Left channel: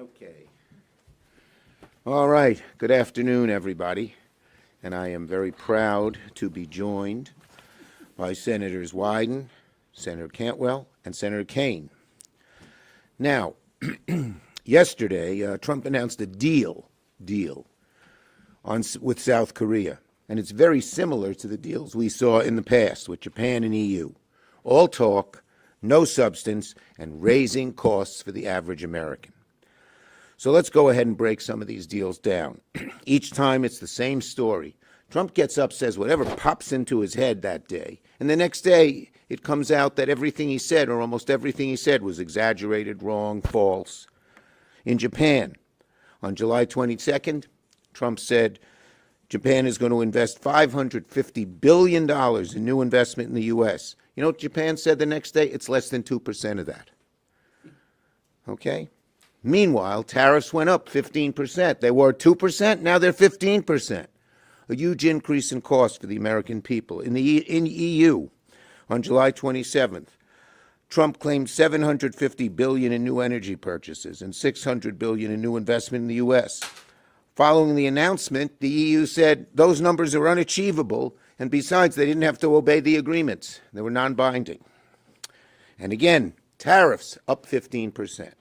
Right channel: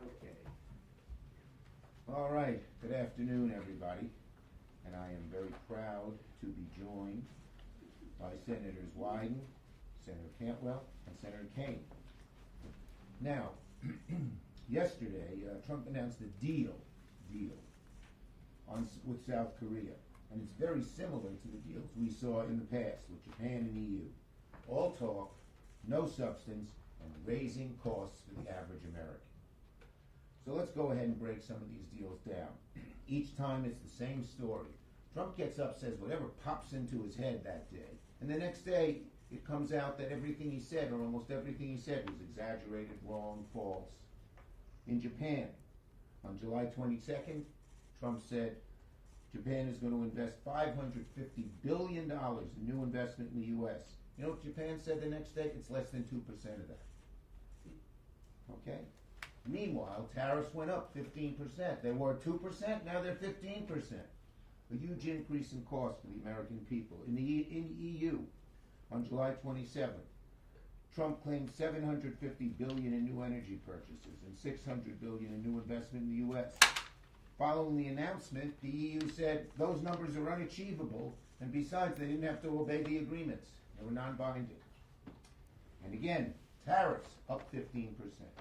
Okay. All right. Good afternoon, everybody. And I am very proud to be joined by Senators Wyden, Senator Cantwell, and Senator Kaine. Now, yesterday, Trump announced a deal with South Korea. And it's very similar to the deals we saw in the past with Japan and EU. All talk, no substance, and raising costs for the average American. So let's go ahead and break some of these deals down. Each time it's the same story. Trump gets up, says whatever pops into his head that day. And the next day, it comes out that everything he said, or almost everything he said, was exaggerated, wrong, false. In Japan, on July 22nd, Trump said Japan is going to invest $550 billion in new investment in the U.S. You know what Japan said the next day? It's less than 2% of that. Okay? Meanwhile, tariffs went up 15%. They were 2%, now they're 15%. A huge increase in cost for the American people. In EU, on July 27th, Trump claimed $750 billion in new energy purchases and $600 billion in new investment in the U.S. Following the announcement, the EU said those numbers are unachievable, and besides, they didn't have to obey the agreements. They were non-binding. And again, tariffs up 15%.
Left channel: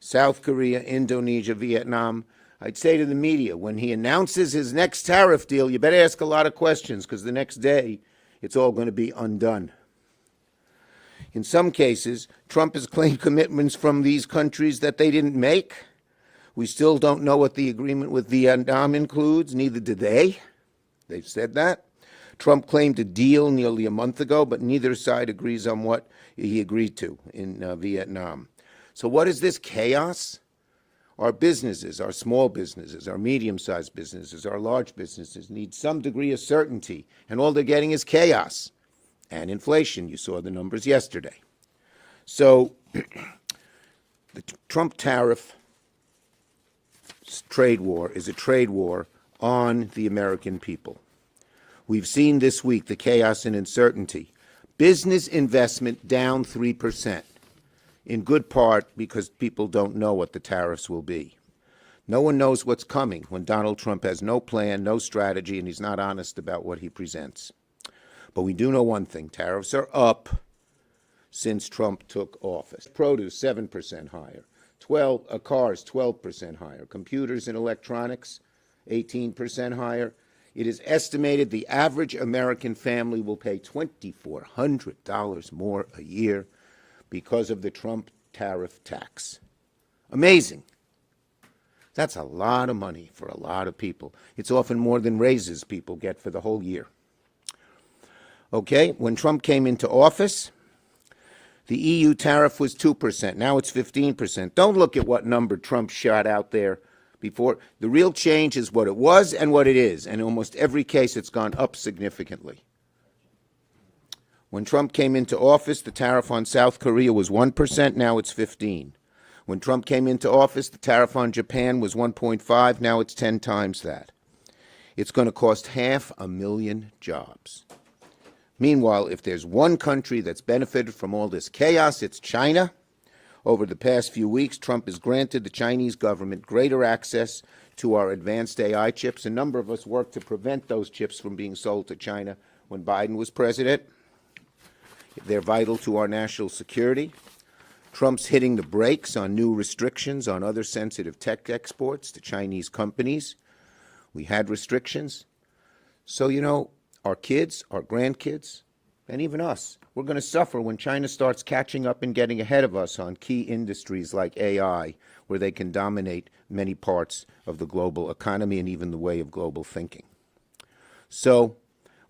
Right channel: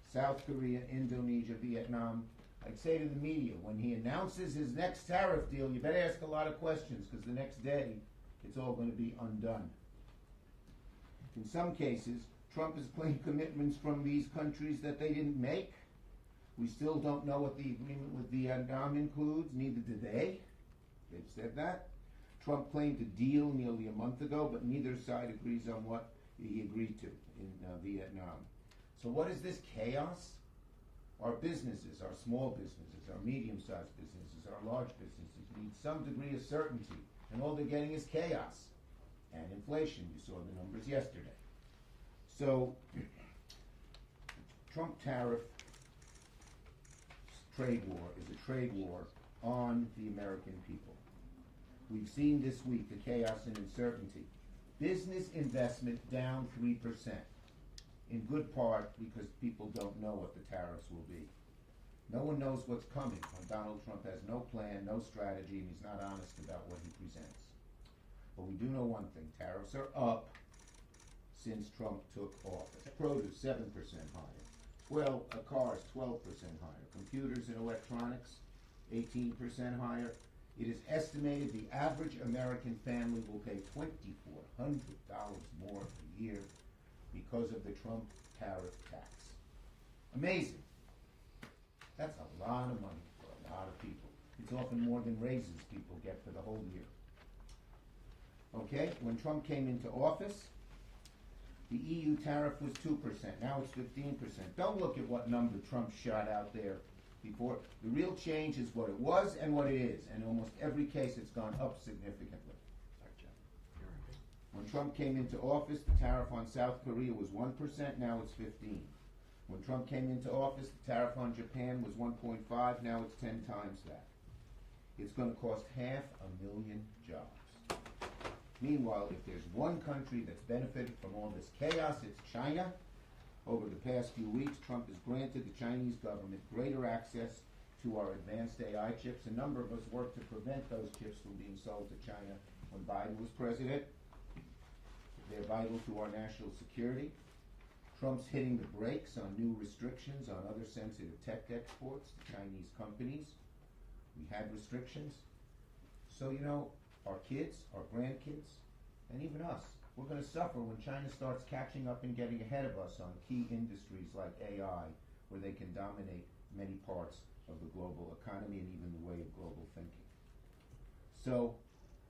South Korea, Indonesia, Vietnam. I'd say to the media, when he announces his next tariff deal, you better ask a lot of questions, because the next day, it's all going to be undone. In some cases, Trump has claimed commitments from these countries that they didn't make. We still don't know what the agreement with Vietnam includes, neither did they. They've said that. Trump claimed a deal nearly a month ago, but neither side agrees on what he agreed to in Vietnam. So what is this chaos? Our businesses, our small businesses, our medium-sized businesses, our large businesses need some degree of certainty, and all they're getting is chaos and inflation. You saw the numbers yesterday. So the Trump tariff trade war is a trade war on the American people. We've seen this week the chaos and uncertainty. Business investment down 3%. In good part because people don't know what the tariffs will be. No one knows what's coming when Donald Trump has no plan, no strategy, and he's not honest about what he presents. But we do know one thing, tariffs are up since Trump took office. Produce, 7% higher. Cars, 12% higher. Computers and electronics, 18% higher. It is estimated the average American family will pay $2,400 more a year because of the Trump tariff tax. Amazing. That's a lot of money for a lot of people. It's often more than raises people get for the whole year. Okay, when Trump came into office, the EU tariff was 2%. Now it's 15%. Don't look at what number Trump shot out there before. The real change is what it was and what it is. And in almost every case, it's gone up significantly. When Trump came into office, the tariff on South Korea was 1%, now it's 15%. When Trump came into office, the tariff on Japan was 1.5%, now it's 10 times that. It's going to cost 500,000 jobs. Meanwhile, if there's one country that's benefited from all this chaos, it's China. Over the past few weeks, Trump has granted the Chinese government greater access to our advanced AI chips. A number of us worked to prevent those chips from being sold to China when Biden was president. They're vital to our national security. Trump's hitting the brakes on new restrictions on other sensitive tech exports to Chinese companies. We had restrictions. So, you know, our kids, our grandkids, and even us, we're going to suffer when China starts catching up and getting ahead of us on key industries like AI, where they can dominate many parts of the global economy and even the way of global thinking. So,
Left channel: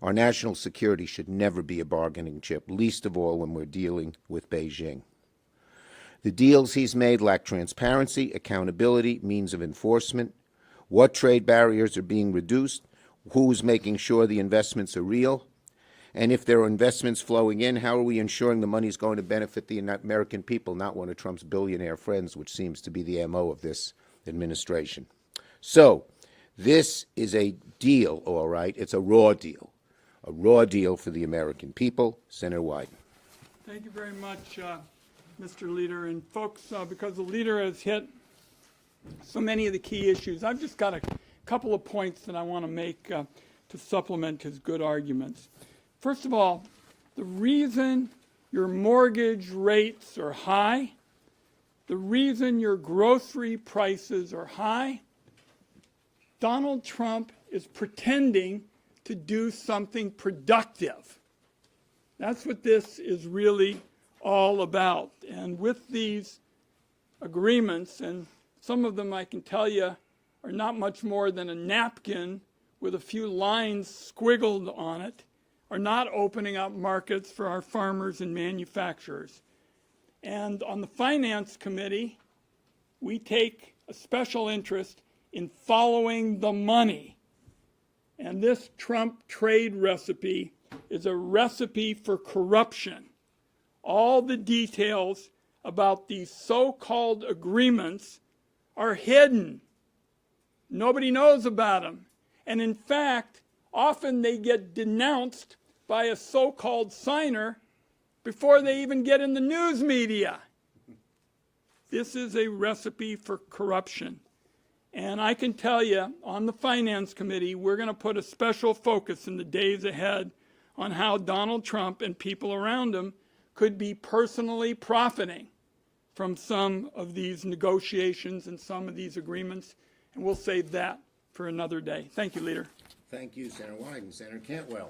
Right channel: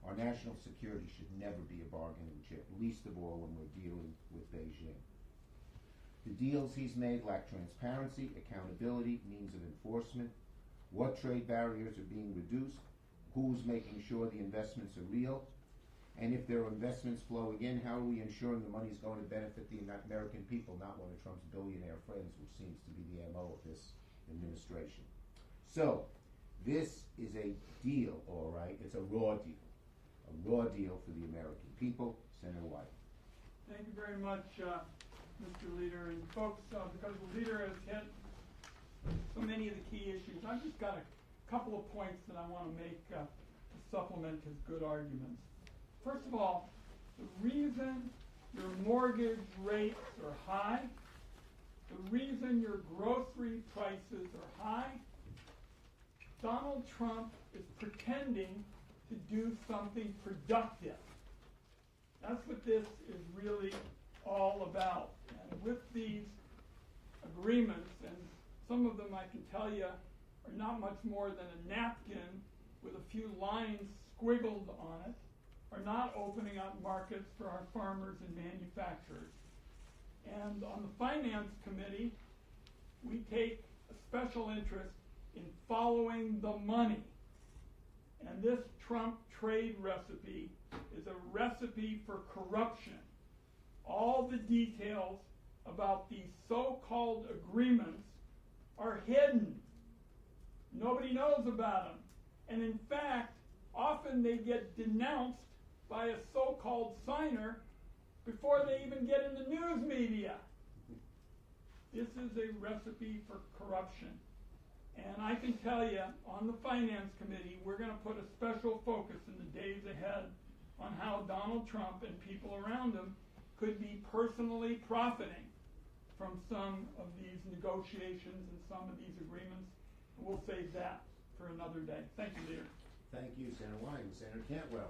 our national security should never be a bargaining chip, least of all when we're dealing with Beijing. The deals he's made lack transparency, accountability, means of enforcement, what trade barriers are being reduced, who's making sure the investments are real, and if there are investments flowing in, how are we ensuring the money's going to benefit the American people, not one of Trump's billionaire friends, which seems to be the MO of this administration. So, this is a deal, all right. It's a raw deal for the American people. Senator Wyden. Thank you very much, Mr. Leader. And folks, because the leader has hit so many of the key issues. I've just got a couple of points that I want to make to supplement his good arguments. First of all, the reason your mortgage rates are high, the reason your grocery prices are high, Donald Trump is pretending to do something productive. That's what this is really all about. And with these agreements, and some of them I can tell you are not much more than a napkin with a few lines squiggled on it, are not opening up markets for our farmers and manufacturers. And on the Finance Committee, we take a special interest in following the money. And this Trump trade recipe is a recipe for corruption. All the details about these so-called agreements are hidden. Nobody knows about them. And in fact, often they get denounced by a so-called signer before they even get in the news media. This is a recipe for corruption. And I can tell you, on the Finance Committee, we're going to put a special focus in the days ahead on how Donald Trump and people around him could be personally profiting from some of these negotiations and some of these agreements. And we'll save that for another day. Thank you, Leader. Thank you, Senator Wyden. Senator Cantwell.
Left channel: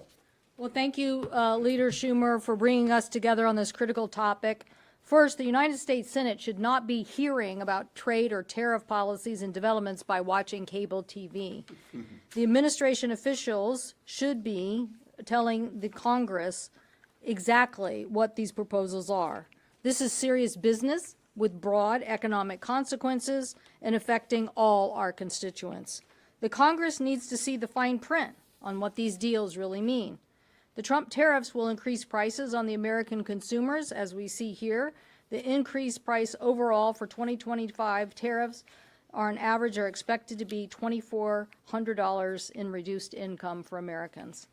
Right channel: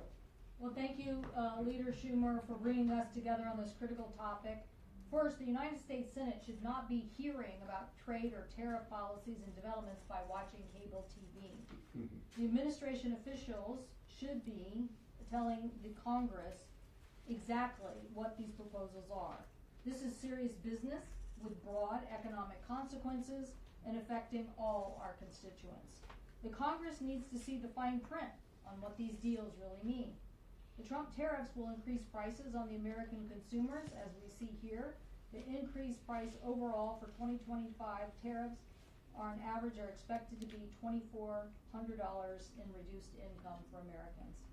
Well, thank you, Leader Schumer, for bringing us together on this critical topic. First, the United States Senate should not be hearing about trade or tariff policies and developments by watching cable TV. The administration officials should be telling the Congress exactly what these proposals are. This is serious business with broad economic consequences and affecting all our constituents. The Congress needs to see the fine print on what these deals really mean. The Trump tariffs will increase prices on the American consumers, as we see here. The increased price overall for 2025 tariffs on average are expected to be $2,400 in reduced income for Americans.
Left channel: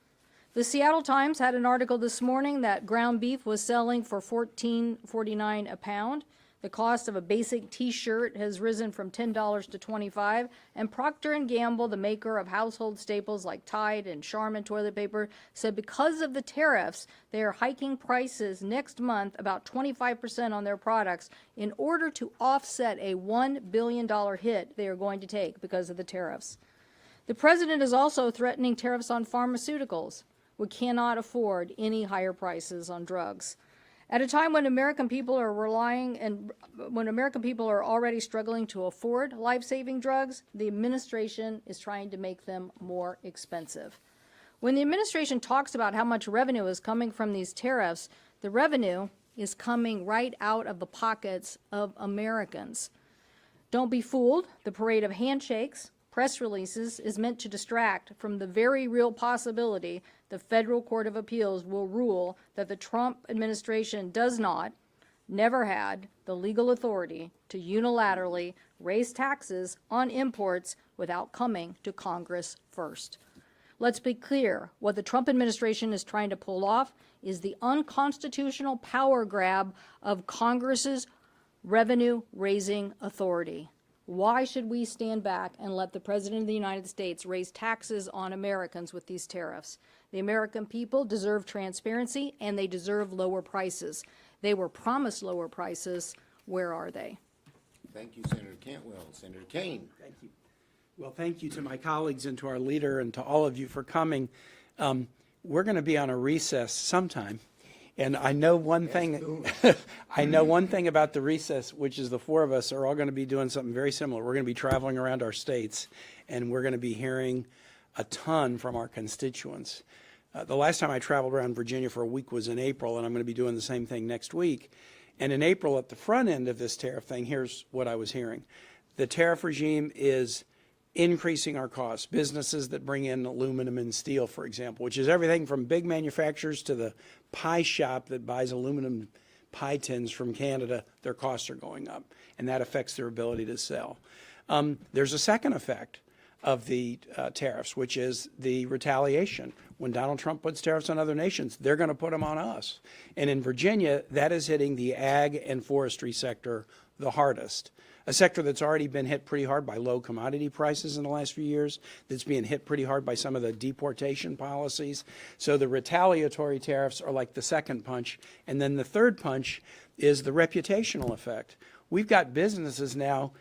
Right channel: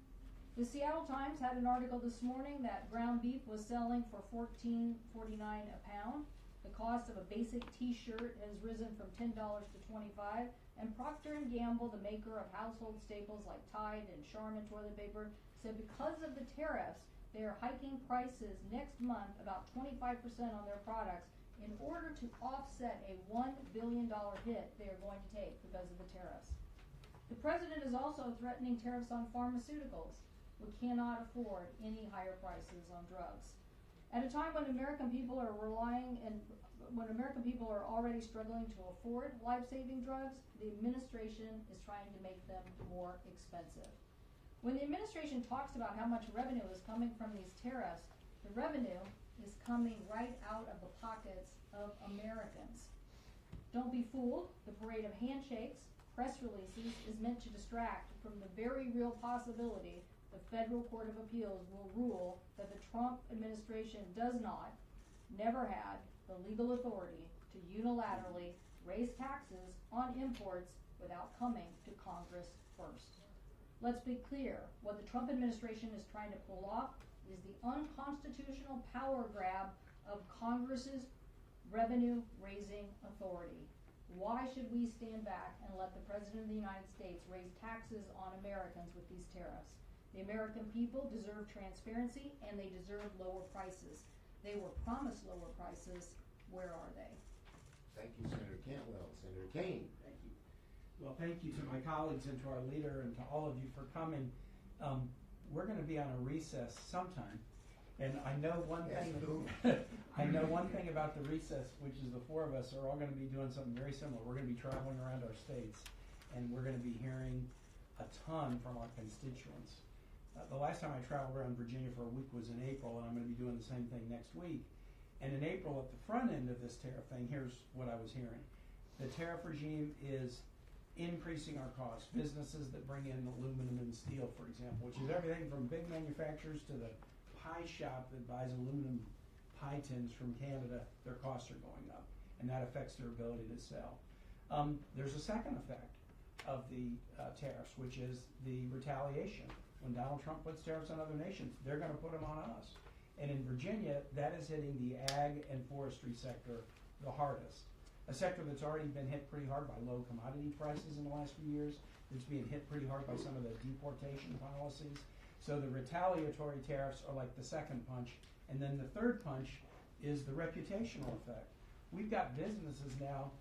The Seattle Times had an article this morning that ground beef was selling for $14.49 a pound. The cost of a basic T-shirt has risen from $10 to $25, and Procter & Gamble, the maker of household staples like Tide and Charmin toilet paper, said because of the tariffs, they are hiking prices next month about 25% on their products in order to offset a $1 billion hit they are going to take because of the tariffs. The president is also threatening tariffs on pharmaceuticals. We cannot afford any higher prices on drugs. At a time when American people are already struggling to afford life-saving drugs, the administration is trying to make them more expensive. When the administration talks about how much revenue is coming from these tariffs, the revenue is coming right out of the pockets of Americans. Don't be fooled. The parade of handshakes, press releases is meant to distract from the very real possibility the Federal Court of Appeals will rule that the Trump administration does not, never had, the legal authority to unilaterally raise taxes on imports without coming to Congress first. Let's be clear, what the Trump administration is trying to pull off is the unconstitutional power grab of Congress's revenue-raising authority. Why should we stand back and let the President of the United States raise taxes on Americans with these tariffs? The American people deserve transparency, and they deserve lower prices. They were promised lower prices. Where are they? Thank you, Senator Cantwell. Senator Kane. Thank you. Well, thank you to my colleagues and to our leader and to all of you for coming. We're going to be on a recess sometime. And I know one thing. I know one thing about the recess, which is the four of us are all going to be doing something very similar. We're going to be traveling around our states, and we're going to be hearing a ton from our constituents. The last time I traveled around Virginia for a week was in April, and I'm going to be doing the same thing next week. And in April, at the front end of this tariff thing, here's what I was hearing. The tariff regime is increasing our costs. Businesses that bring in aluminum and steel, for example, which is everything from big manufacturers to the pie shop that buys aluminum pie tins from Canada, their costs are going up, and that affects their ability to sell. There's a second effect of the tariffs, which is the retaliation. When Donald Trump puts tariffs on other nations, they're going to put them on us. And in Virginia, that is hitting the ag and forestry sector the hardest. a sector that's already been hit pretty hard by low commodity prices in the last few years, that's being hit pretty hard by some of the deportation policies. So the retaliatory tariffs are like the second punch. And then the third punch is the reputational effect. We've got businesses now,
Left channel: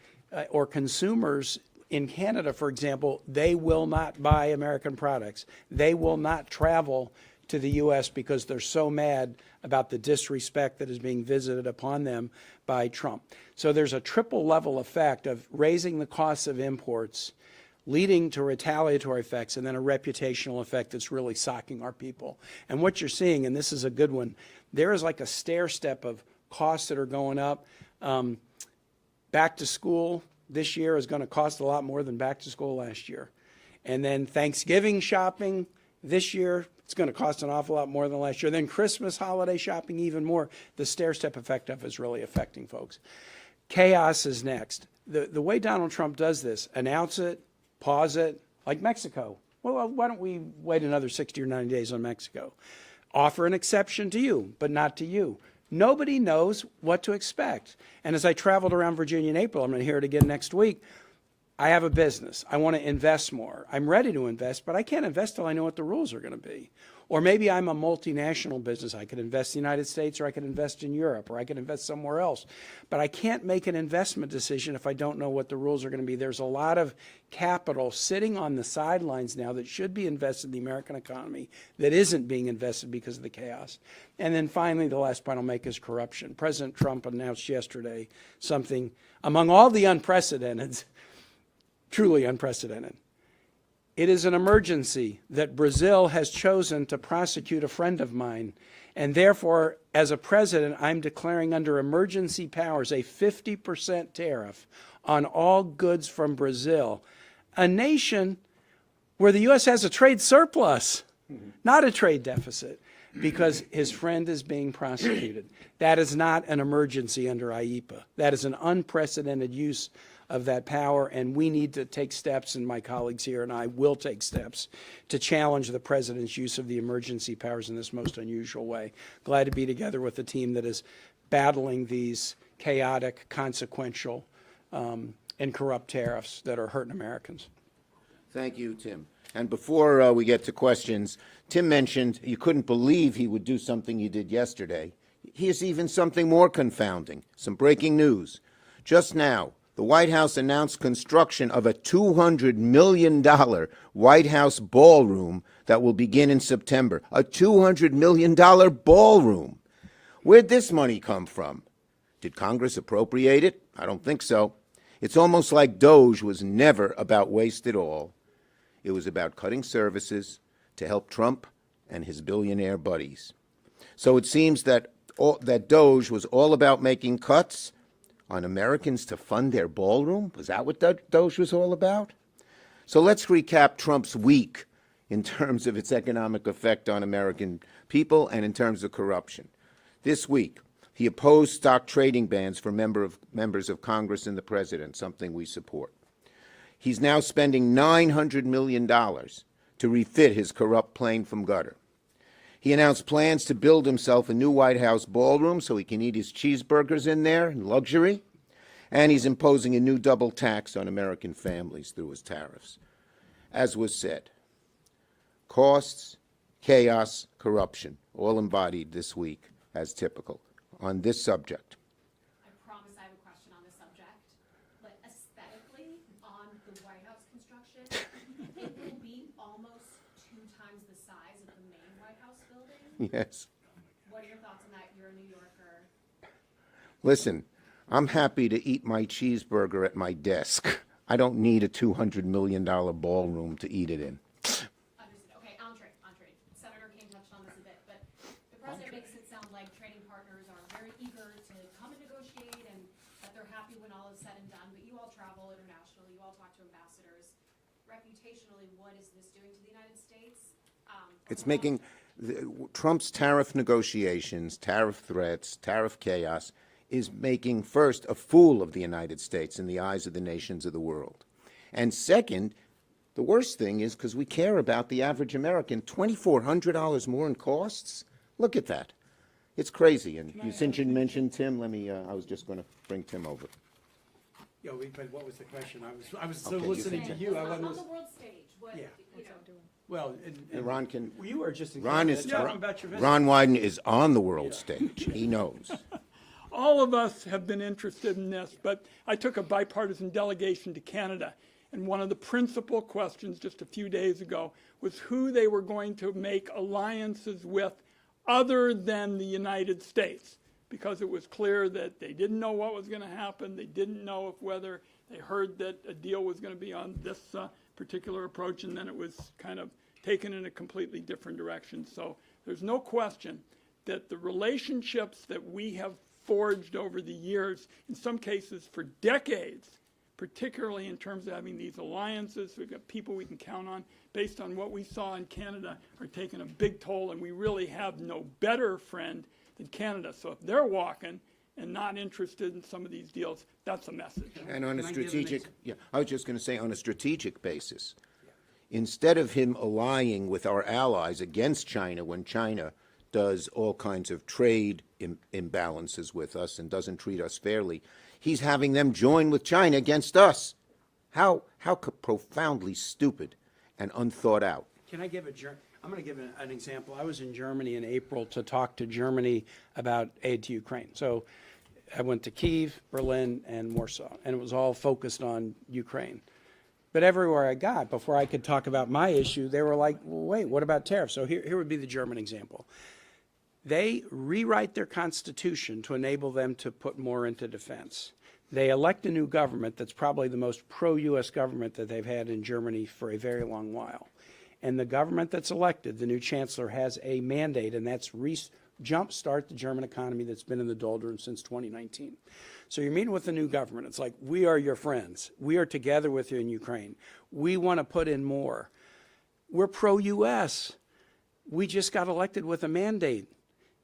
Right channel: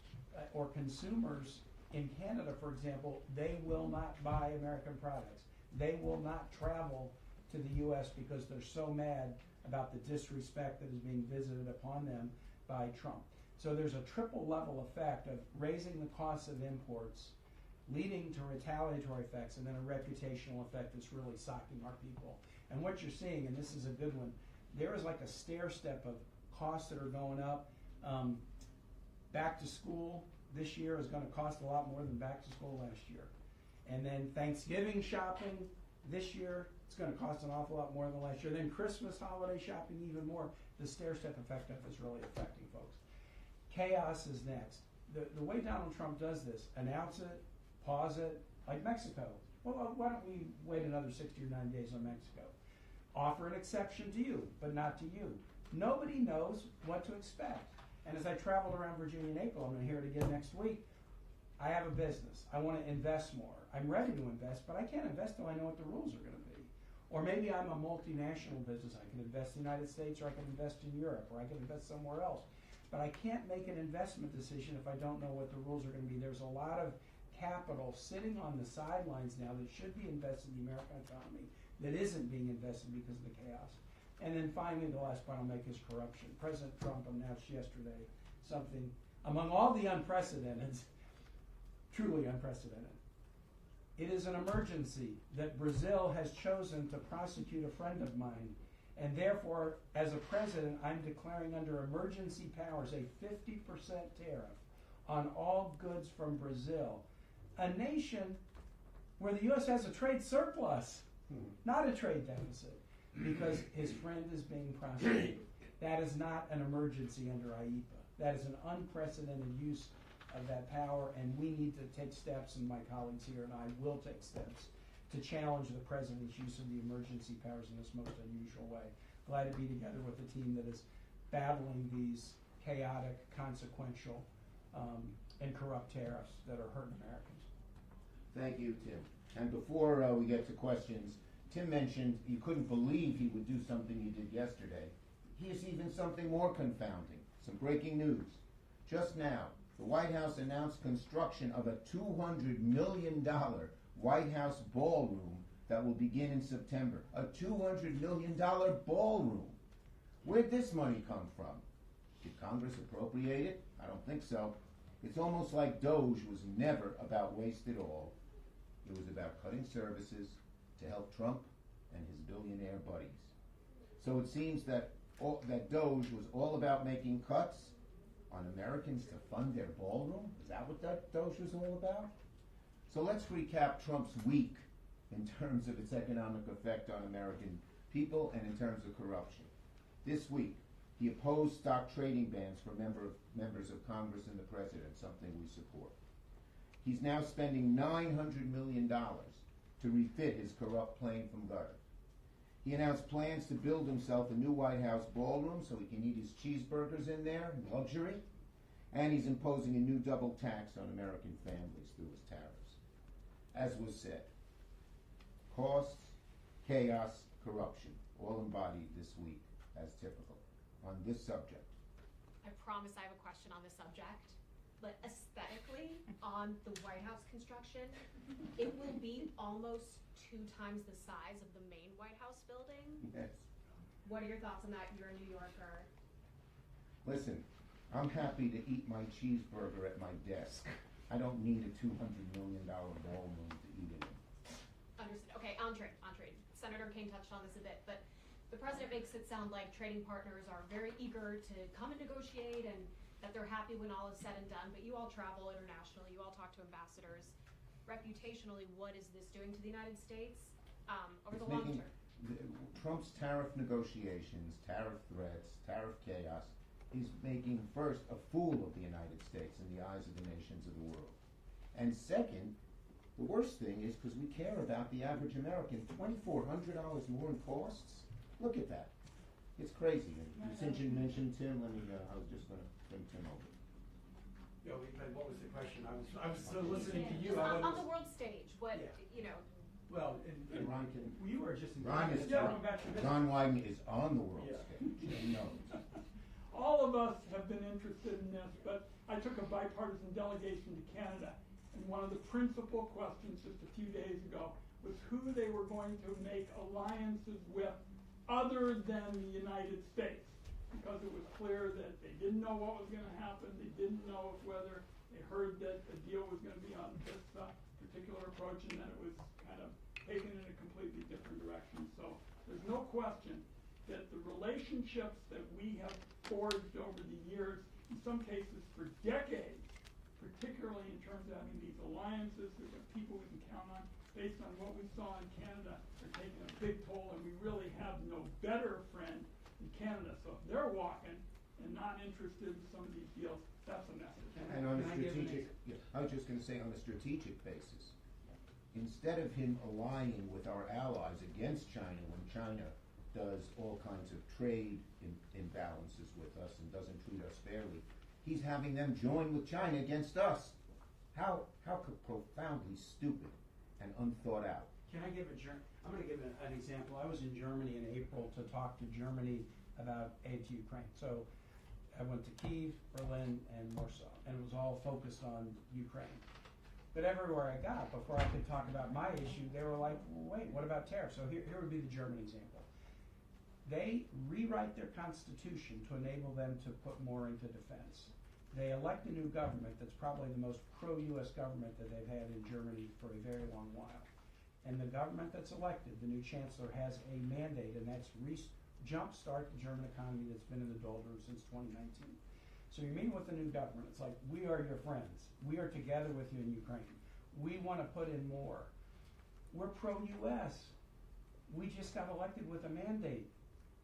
or consumers in Canada, for example, they will not buy American products. They will not travel to the U.S. because they're so mad about the disrespect that is being visited upon them by Trump. So there's a triple level effect of raising the costs of imports, leading to retaliatory effects, and then a reputational effect that's really socking our people. And what you're seeing, and this is a good one, there is like a stair step of costs that are going up. Back to school this year is going to cost a lot more than back to school last year. And then Thanksgiving shopping this year, it's going to cost an awful lot more than last year. Then Christmas holiday shopping even more. The stair-step effect of it is really affecting folks. Chaos is next. The way Donald Trump does this, announce it, pause it, like Mexico. Well, why don't we wait another 60 or 90 days on Mexico? Offer an exception to you, but not to you. Nobody knows what to expect. And as I traveled around Virginia in April, I'm going to hear it again next week, I have a business. I want to invest more. I'm ready to invest, but I can't invest till I know what the rules are going to be. Or maybe I'm a multinational business. I could invest in the United States, or I could invest in Europe, or I could invest somewhere else. But I can't make an investment decision if I don't know what the rules are going to be. There's a lot of capital sitting on the sidelines now that should be invested in the American economy that isn't being invested because of the chaos. And then finally, the last point I'll make is corruption. President Trump announced yesterday something among all the unprecedented, truly unprecedented. It is an emergency that Brazil has chosen to prosecute a friend of mine. And therefore, as a president, I'm declaring under emergency powers a 50% tariff on all goods from Brazil, a nation where the U.S. has a trade surplus, not a trade deficit, because his friend is being prosecuted. That is not an emergency under IEPA. That is an unprecedented use of that power, and we need to take steps, and my colleagues here and I will take steps to challenge the president's use of the emergency powers in this most unusual way. Glad to be together with a team that is battling these chaotic, consequential, and corrupt tariffs that are hurting Americans. Thank you, Tim. And before we get to questions, Tim mentioned you couldn't believe he would do something he did yesterday. Here's even something more confounding. Some breaking news. Just now, the White House announced construction of a $200 million White House ballroom that will begin in September. A $200 million ballroom. Where'd this money come from? Did Congress appropriate it? I don't think so. It's almost like DOGE was never about waste at all. It was about cutting services to help Trump and his billionaire buddies. So it seems that DOGE was all about making cuts on Americans to fund their ballroom? Was that what DOGE was all about? So let's recap Trump's week in terms of its economic effect on American people and in terms of corruption. This week, he opposed stock trading bans for members of Congress and the president, something we support. He's now spending $900 million to refit his corrupt plane from gutter. He announced plans to build himself a new White House ballroom so he can eat his cheeseburgers in there in luxury. And he's imposing a new double tax on American families through his tariffs. As was said, costs, chaos, corruption, all embodied this week as typical on this subject. I promise I have a question on this subject, but aesthetically, on the White House construction, it will be almost 2 times the size of the main White House building. Yes. What are your thoughts on that? You're a New Yorker. Listen, I'm happy to eat my cheeseburger at my desk. I don't need a $200 million ballroom to eat it in. Understood. Okay, entree. Senator King touched on this a bit, but the president makes it sound like trading partners are very eager to come and negotiate and that they're happy when all is said and done, but you all travel internationally, you all talk to ambassadors. Reputationally, what is this doing to the United States? It's making Trump's tariff negotiations, tariff threats, tariff chaos is making, first, a fool of the United States in the eyes of the nations of the world. And second, the worst thing is, because we care about the average American, $2,400 more in costs? Look at that. It's crazy. And since you mentioned Tim, I was just going to bring Tim over. Yeah, but what was the question? I was still listening to you. I On was, the world stage, what, Yeah. you know, well, And Ron can, you were just Ron is, talking about your visit. Ron Wyden is on the world stage. He knows. All of us have been interested in this, but I took a bipartisan delegation to Canada, and one of the principal questions just a few days ago was who they were going to make alliances with other than the United States, because it was clear that they didn't know what was going to happen. They didn't know if whether they heard that a deal was going to be on this particular approach, and then it was kind of taken in a completely different direction. So there's no question that the relationships that we have forged over the years, in some cases for decades, particularly in terms of having these alliances, we've got people we can count on, based on what we saw in Canada, are taking a big toll, and we really have no better friend than Canada. So if they're walking and not interested in some of these deals, that's a message. And on a Can I give an strategic, yeah, I was just going to say, on a strategic basis, instead of him allying with our allies against China when China does all kinds of trade imbalances with us and doesn't treat us fairly, he's having them join with China against us. How profoundly stupid and unthought out. Can I give I'm going to give an example. I was in Germany in April to talk to Germany about aid to Ukraine. So I went to Kyiv, Berlin, and Warsaw, and it was all focused on Ukraine. But everywhere I got, before I could talk about my issue, they were like, well, wait, what about tariffs? So here would be the German example. They rewrite their constitution to enable them to put more into defense. They elect a new government that's probably the most pro-U.S. government that they've had in Germany for a very long while. And the government that's elected, the new chancellor, has a mandate, and that's jumpstart the German economy that's been in the doldrums since 2019. So you're meeting with the new government. It's like, we are your friends. We are together with you in Ukraine. We want to put in more. We're pro-U.S. We just got elected with a mandate.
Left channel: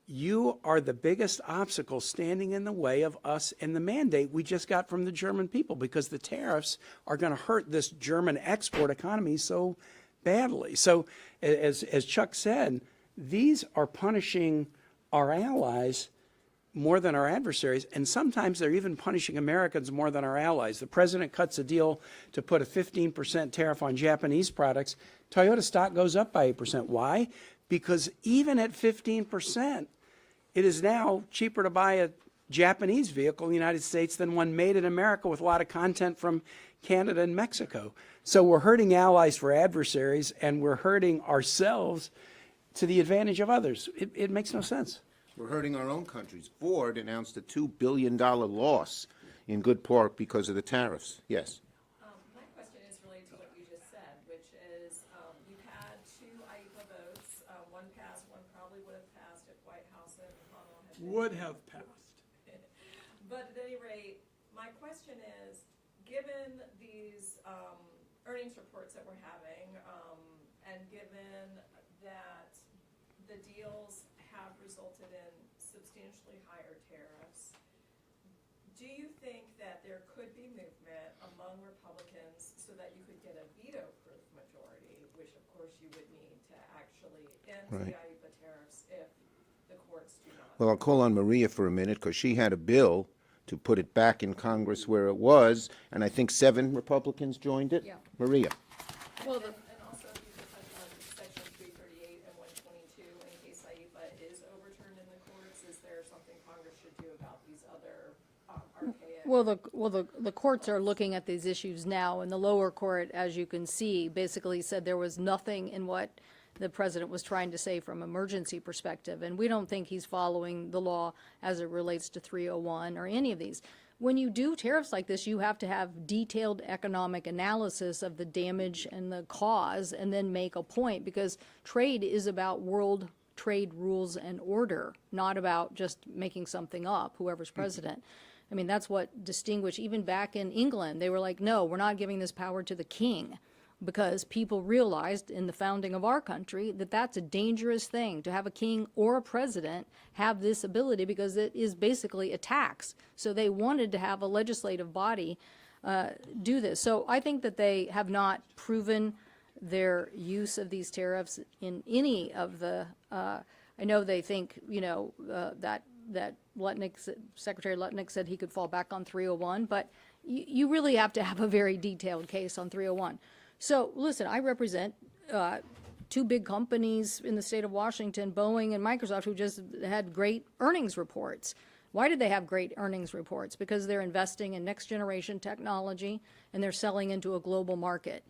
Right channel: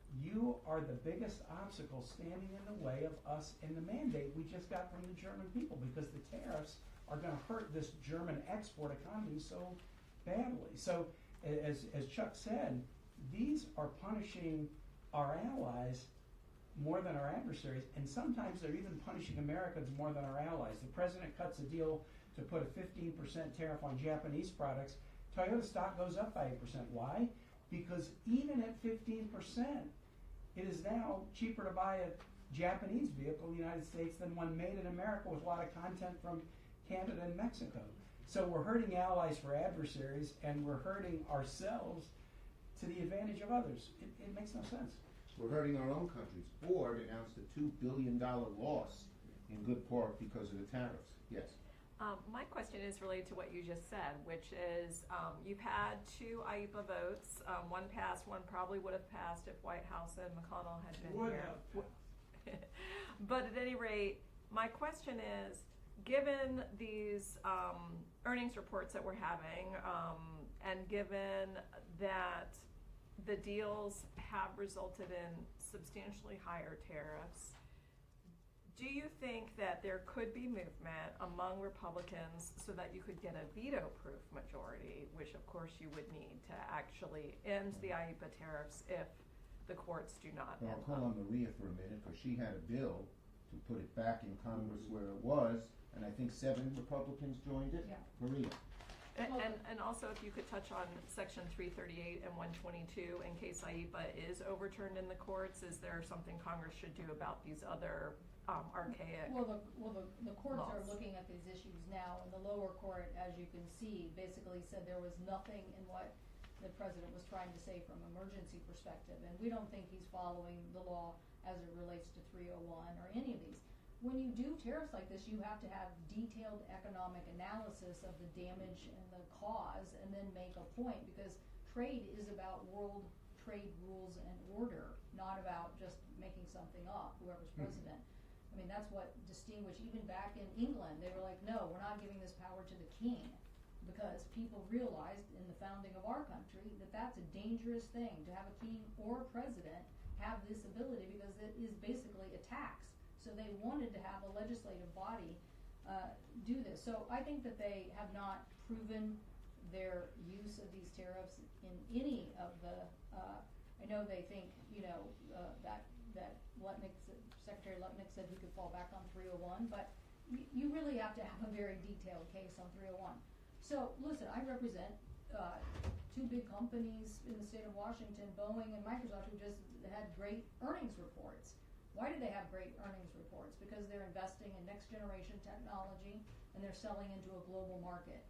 You are the biggest obstacle standing in the way of us and the mandate we just got from the German people, because the tariffs are going to hurt this German export economy so badly. So as Chuck said, these are punishing our allies more than our adversaries, and sometimes they're even punishing Americans more than our allies. The president cuts a deal to put a 15% tariff on Japanese products. Toyota stock goes up by 8%. Why? Because even at 15%, it is now cheaper to buy a Japanese vehicle in the United States than one made in America with a lot of content from Canada and Mexico. So we're hurting allies for adversaries, and we're hurting ourselves to the advantage of others. It makes no sense. We're hurting our own countries. Ford announced a $2 billion loss in good part because of the tariffs. Yes. My question is related to what you just said, which is you've had two IEPA votes. One passed, one probably would have passed if White House and McConnell had been. Would have passed. But at any rate, my question is, given these earnings reports that we're having, and given that the deals have resulted in substantially higher tariffs, do you think that there could be movement among Republicans so that you could get a veto-proof majority, which of course you would need to actually end the IEPA tariffs if the courts do not? Well, I'll call on Maria for a minute, because she had a bill to put it back in Congress where it was, and I think 7 Republicans joined it. Yeah. Maria. And also if you could touch on Section 338 and 122 in case IEPA is overturned in the courts, is there something Congress should do about these other archaic? Well, the courts are looking at these issues now, and the lower court, as you can see, basically said there was nothing in what the president was trying to say from emergency perspective, and we don't think he's following the law as it relates to 301 or any of these. When you do tariffs like this, you have to have detailed economic analysis of the damage and the cause, and then make a point, because trade is about world trade rules and order, not about just making something up, whoever's president. I mean, that's what distinguished, even back in England, they were like, no, we're not giving this power to the king, because people realized in the founding of our country that that's a dangerous thing to have a king or a president have this ability, because it is basically a tax. So they wanted to have a legislative body do this. So I think that they have not proven their use of these tariffs in any of the, I know they think, that Secretary Lutnick said he could fall back on 301, but you really have to have a very detailed case on 301. So listen, I represent two big companies in the state of Washington, Boeing and Microsoft, who just had great earnings reports. Why did they have great earnings reports? Because they're investing in next generation technology and they're selling into a global market.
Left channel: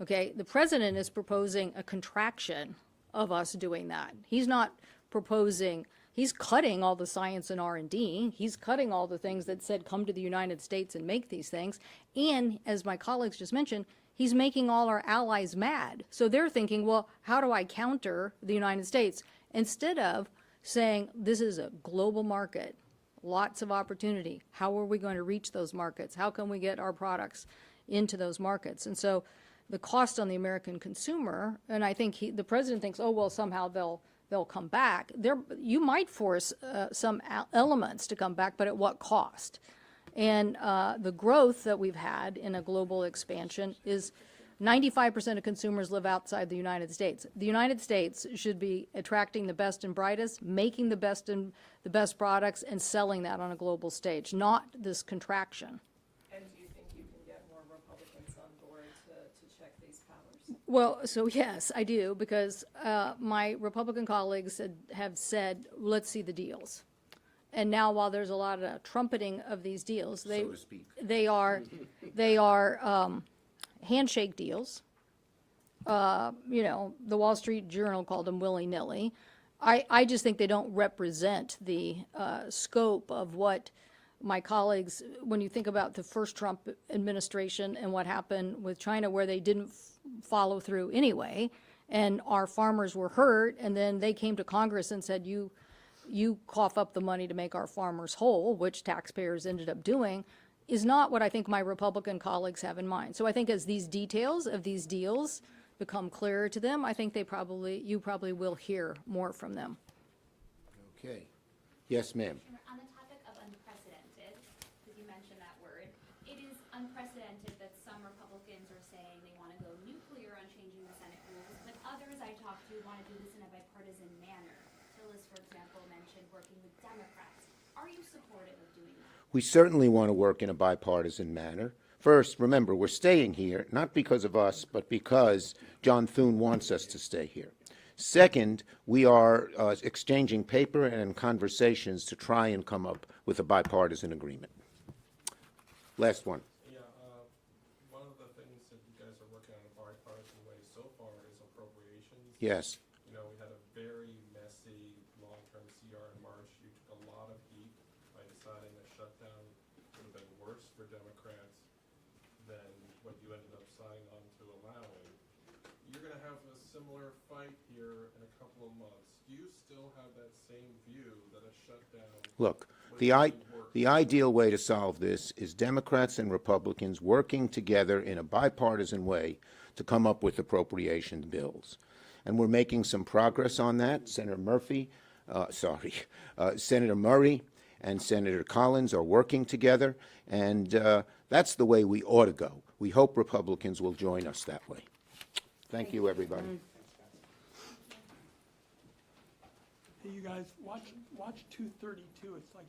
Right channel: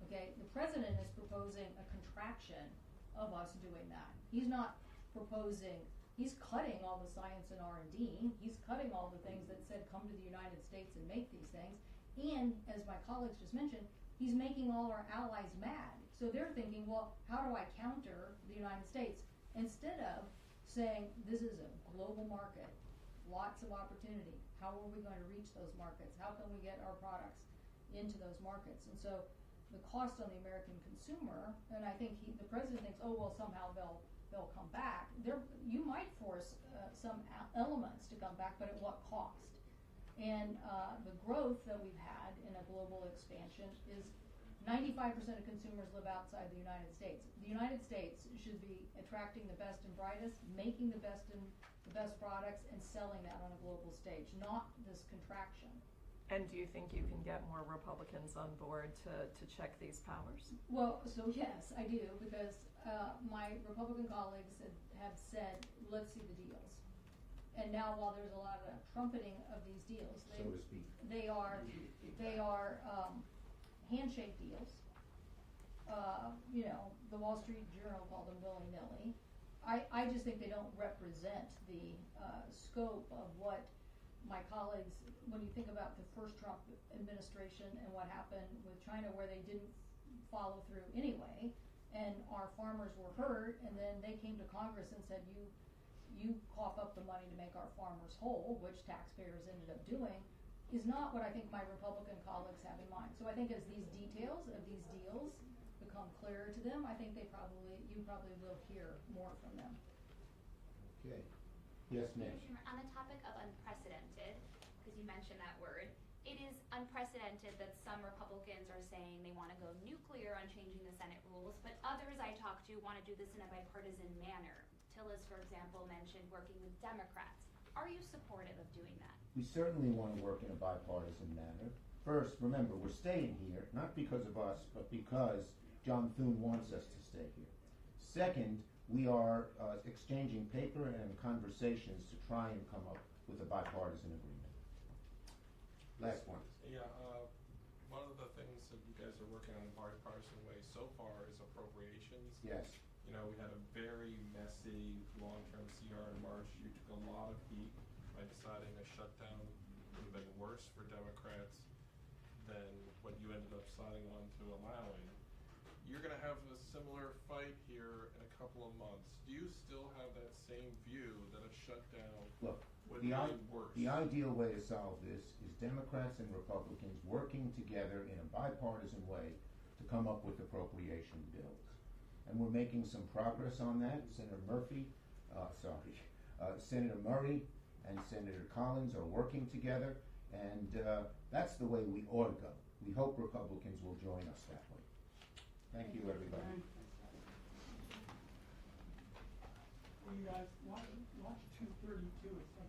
Okay, the president is proposing a contraction of us doing that. He's not proposing, he's cutting all the science and R&D. He's cutting all the things that said come to the United States and make these things. And as my colleagues just mentioned, he's making all our allies mad. So they're thinking, well, how do I counter the United States? Instead of saying, this is a global market, lots of opportunity. How are we going to reach those markets? How can we get our products into those markets? And so the cost on the American consumer, and I think the president thinks, oh, well, somehow they'll come back. You might force some elements to come back, but at what cost? And the growth that we've had in a global expansion is 95% of consumers live outside the United States. The United States should be attracting the best and brightest, making the best products, and selling that on a global stage, not this contraction. And do you think you can get more Republicans on board to check these powers? Well, so yes, I do, because my Republican colleagues have said, let's see the deals. And now, while there's a lot of trumpeting of these deals, So to speak. they are handshake deals. You know, the Wall Street Journal called them willy-nilly. I just think they don't represent the scope of what my colleagues, when you think about the first Trump administration and what happened with China, where they didn't follow through anyway, and our farmers were hurt, and then they came to Congress and said, you cough up the money to make our farmers whole, which taxpayers ended up doing, is not what I think my Republican colleagues have in mind. So I think as these details of these deals become clearer to them, I think you probably will hear more from them. Okay. Yes, ma'am. On the topic of unprecedented, because you mentioned that word, it is unprecedented that some Republicans are saying they want to go nuclear on changing the Senate rules, but others I talked to want to do this in a bipartisan manner. Tillis, for example, mentioned working with Democrats. Are you supportive of doing that? We certainly want to work in a bipartisan manner. First, remember, we're staying here, not because of us, but because John Thune wants us to stay here. Second, we are exchanging paper and conversations to try and come up with a bipartisan agreement. Last one. Yeah, one of the things that you guys are working on in a bipartisan way so far is appropriations. Yes. You know, we had a very messy long-term CR in March. You took a lot of heat by deciding a shutdown would have been worse for Democrats than what you ended up signing on to allowing. You're going to have a similar fight here in a couple of months. Do you still have that same view that a shutdown Look, would the work? ideal way to solve this is Democrats and Republicans working together in a bipartisan way to come up with appropriation bills. And we're making some progress on that. Senator Murray and Senator Collins are working together, and that's the way we ought to go. We hope Republicans will join us that way. Thank you, everybody. Hey, you guys, watch 232. It's like